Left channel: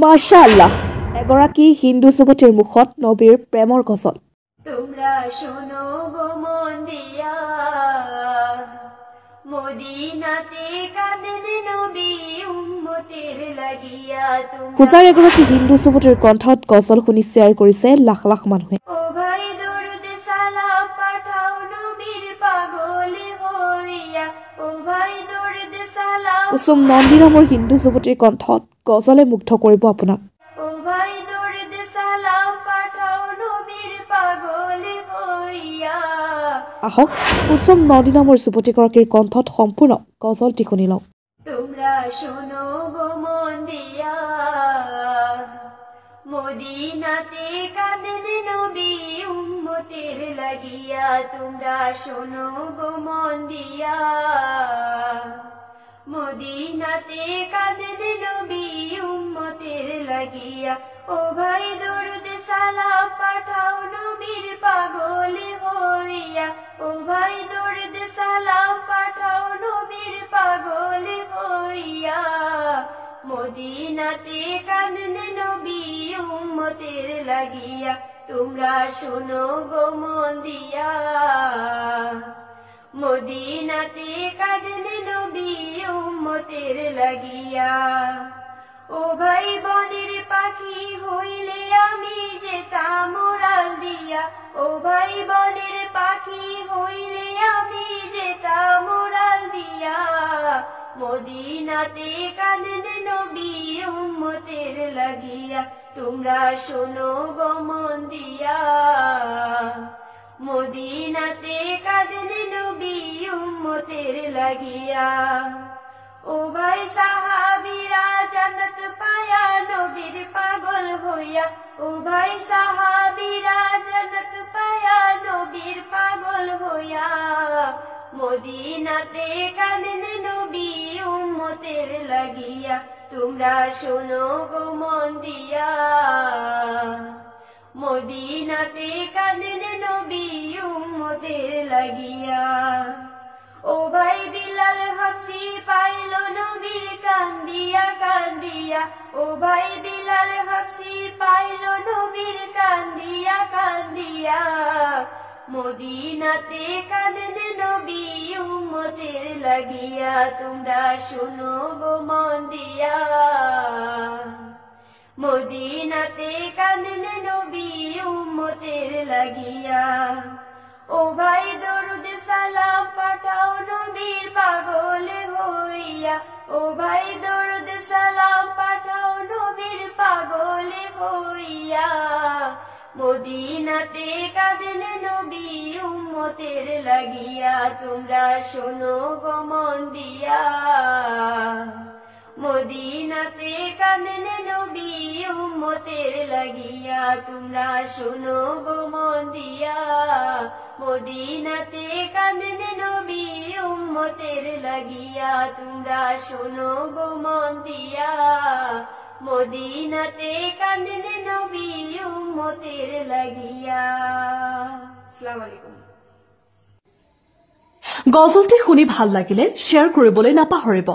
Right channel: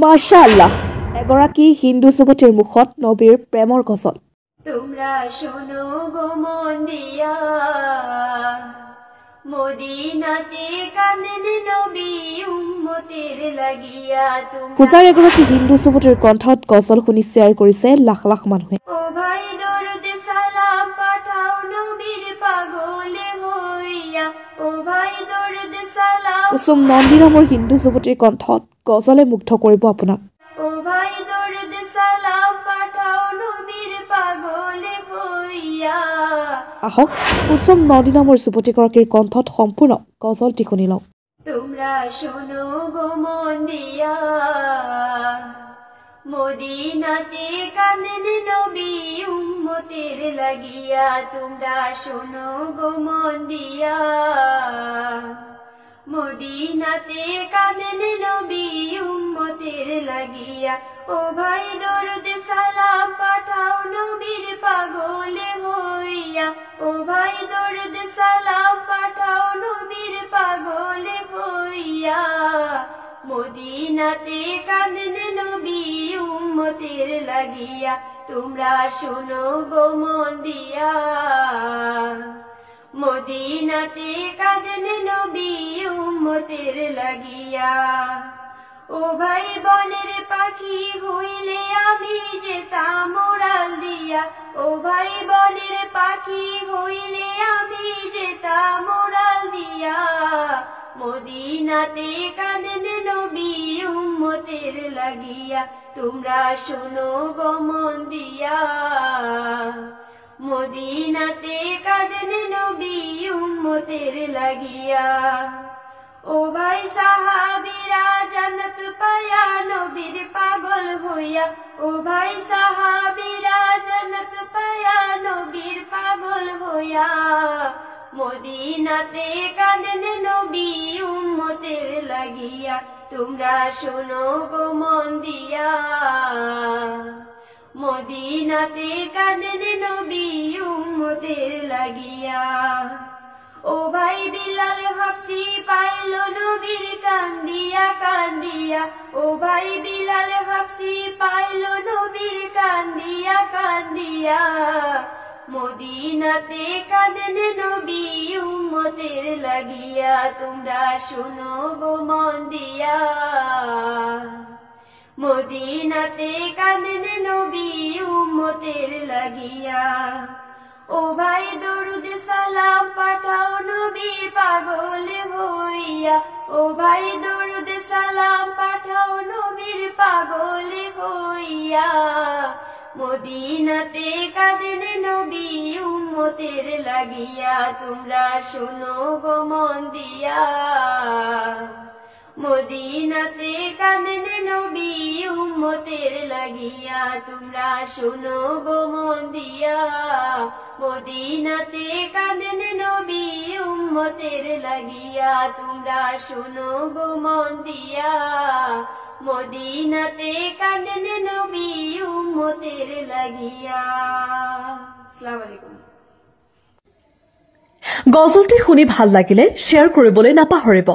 মাশাআল্লাহ এগৰাকী হিন্দু যুৱতীৰ মুখত নবীৰ প্ৰেমৰ গজল তোমরা শোনো গো মন দিয়া মদিনাতে কাঁদেন নবী উম্মতের লাগিয়া হুজাইৰ এগৰাকী হিন্দু যুৱতীৰ কণ্ঠত গজল শুনি শ্বেয়াৰ কৰিছে লাখ লাখ মানুহে ও ভাই দরুদ সালাম পাঠাও নবীর পাগলে হইয়া ও ভাই দরুদ সালাম কুসুম নন্দী নামৰ হিন্দু যুৱতীৰ কণ্ঠত গজলে মুগ্ধ কৰিব আপোনাক ও ভাই দরুদ সালাম পাঠাও নবীর পাগলে হইয়া আহক কুসুম নন্দী নামৰ যুৱতীগৰাকীৰ কণ্ঠত সম্পূৰ্ণ গজলটি শুনি লওঁ তোমরা শোনো গো মন দিয়া মদিনাতে কাঁদেন নবী উম্মতের লাগিয়া তোমরা শোনো গো মন দিয়া মদিনাতে কাঁদেন নবী উম্মতের লাগিয়া ও ভাই দরুদ সালাম পাঠাও নবীর পাগলে হইয়া ও ভাই দরুদ সালাম পাঠাও নবীর পাগলে হইয়া মদিনাতে কাঁদেন নবী উম্মতের লাগিয়া তোমরা শোনো গো মন দিয়া মদিনাতে কাঁদেন নবী উম্মতের লাগিয়া ও ভাই বনের পাখি হইলে আমি যেতাম উড়াল দিয়া ও ভাই বনের পাখি হইলে আমি যেতাম উড়াল দিয়া মদিনাতে কাঁদেন নবী উম্মতের লাগিয়া তোমরা শোনো গো মন দিয়া মদিনাতে কাঁদেন নবী উম্মতের লাগিয়া ও ভাই সাহাবীরা জান্নাত পায়া নবীর পাগল হইয়া ও ভাই সাহাবীরা জান্নাত পায়া নবীর পাগল হইয়া মদিনাতে কাঁদেন নবী উম্মতের লাগিয়া তোমরা শোনো গো মন দিয়া মদিনাতে কাঁদেন নবী উম্মতের লাগিয়া ও ভাই বিলাল হাফসি পাইল নবীর কান্দিয়া কান্দিয়া ও ভাই বিলাল হাফসি পাইল নবীর কান্দিয়া কান্দিয়া মদিনাতে কাঁদেন নবী উম্মতের লাগিয়া তোমরা শোনো গো মন দিয়া মদিনাতে কাঁদেন নবী উম্মতের লাগিয়া ও ভাই দরুদ সালাম পাঠাও নবীর পাগলে হইয়া ও ভাই দরুদ সালাম পাঠাও নবীর পাগলে হইয়া মদিনাতে কাঁদেন নবী উম্মতের লাগিয়া তোমরা শোনো গো মন দিয়া মদিনাতে কাঁদেন নবী উম্মতের লাগিয়া তোমরা শোনো গো মন দিয়া মদিনাতে কাঁদেন নবী উম্মতের লাগিয়া তোমরা শোনো গো মন দিয়া মদিনাতে কাঁদেন নবী উম্মতের লাগিয়া আসসালামু আলাইকুম গজলটি শুনি ভাল লাগিলে শ্বেয়াৰ কৰিবলৈ নাপাহৰিব